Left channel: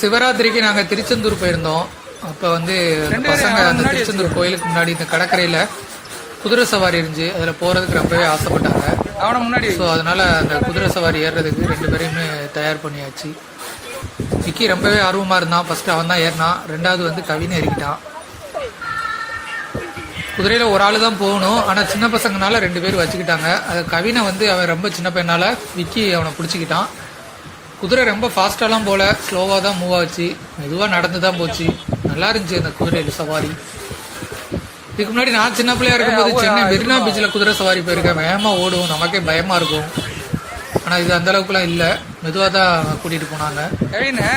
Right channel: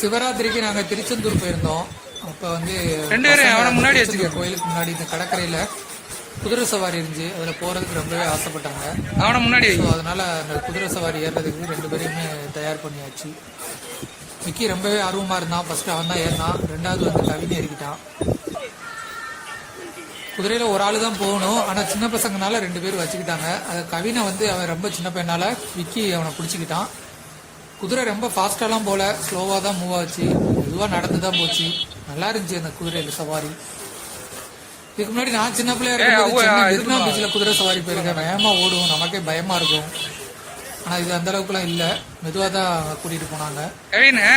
சிவராத்திரிக்கு நாங்க திருச்செந்தூர் போயிருந்தோம். அப்ப வந்து பசங்க அந்த திருச்செந்தூர் கோயிலுக்கு முன்னாடி இந்த கடற்கரையில குதிரை சவாரி இருந்துச்சு. அதுல போறதுக்கு ரொம்பவே ஆசைப்பட்டாங்க. அவனை முன்னாடி ஸோ அதனால அந்த குதிரை சவாரி ஏறுறதுக்கு ரெண்டு பேரையுமே தயார் பண்ணியாச்சு. விக்கி ரொம்பவே ஆர்வமா இருந்தான். ஃபர்ஸ்ட் அவன் தான் ஏறினான். ரெண்டாவது வந்து கவின் ஏறிக்கிட்டான். குதிரையில ஒரு ஆளு தான் போகணும். ஆனா சின்ன பசங்கனால ரெண்டு பேர் வச்சுக்கிட்டாங்க. அது கவினை வந்து அவன் ரொம்ப சின்ன பையனால விக்கி அவனை பிடிச்சிக்கிட்டான். குதிரை ரொம்ப ஃபாஸ்ட்டாலாம் போல ஸ்லோவாக தான் மூவ் ஆச்சு. மெதுவாக நடந்து தான் போச்சு. நல்லா இருந்துச்சு அந்த குதிரையில் சவாரி. இதுக்கு முன்னாடி நான் சின்ன பிள்ளையா இருக்கும்போது சென்னை மெரினா பீச்சில் குதிரை சவாரி போயிருக்கேன். வேகமாக ஓடும். நமக்கே பயமாக இருக்கும். ஆனால் இது அந்த அளவுக்குலாம் இல்லை. மெதுவாக தான் கூட்டிகிட்டு போனாங்க. கவினு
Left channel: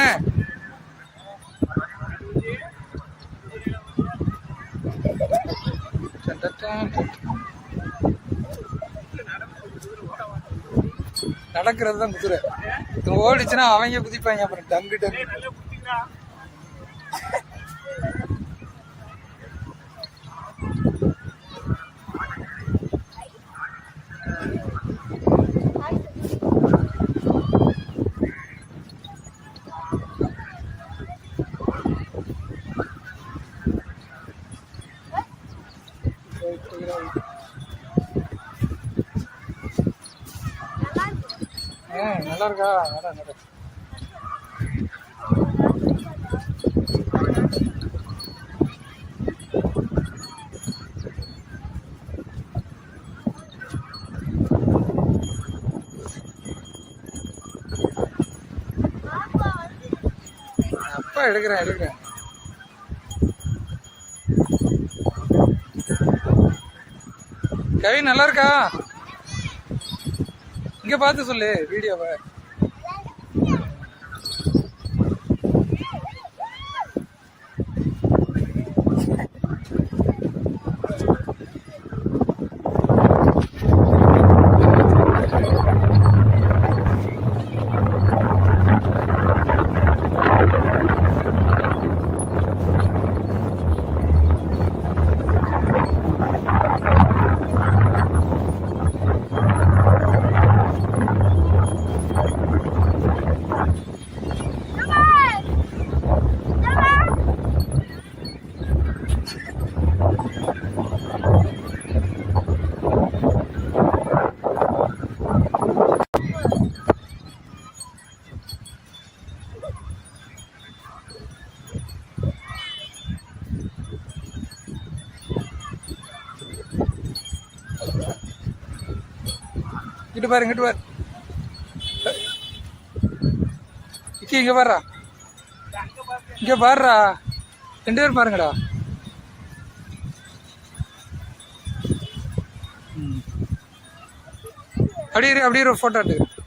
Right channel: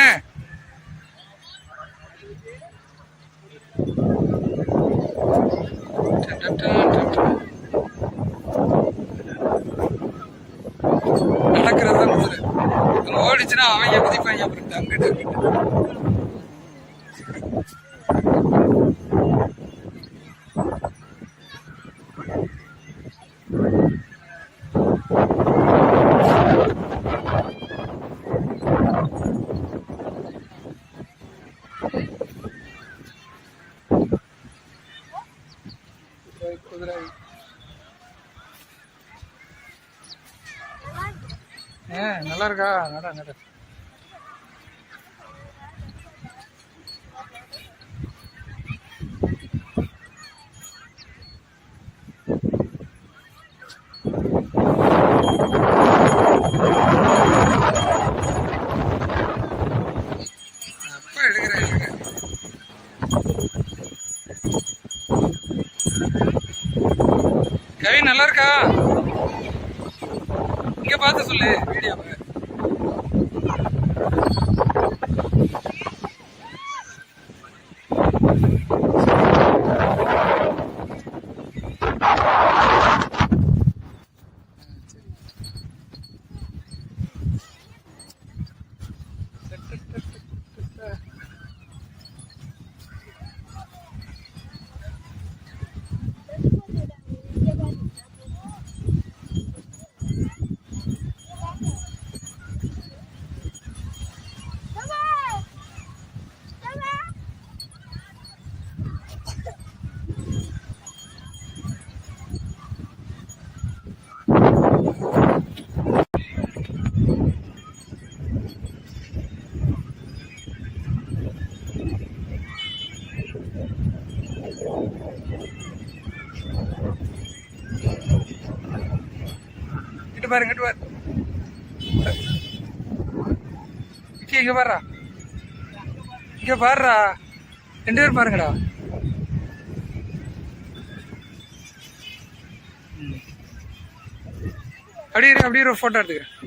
நடக்கிறது தான் குதிரை இது ஓடிச்சுன்னா அவங்க குதிப்பாங்க அப்புறம் டங்குட்டு. ஆ நல்லா இருக்கா நட நட அப்பா எடுக்கிறேன் எடுக்கிறேன். கவி நல்லா இருக்கா இங்க பார்த்து சொல்லு வீடியோவை இங்கிட்டு பாரு இங்கிட்டு பாரு. இங்கே இங்க பாருடா இங்க பாருடா ரெண்டு பேரும் பாருங்கடா. அப்படியே அப்படியே ஒரு ஃபோட்டோ எடுத்து.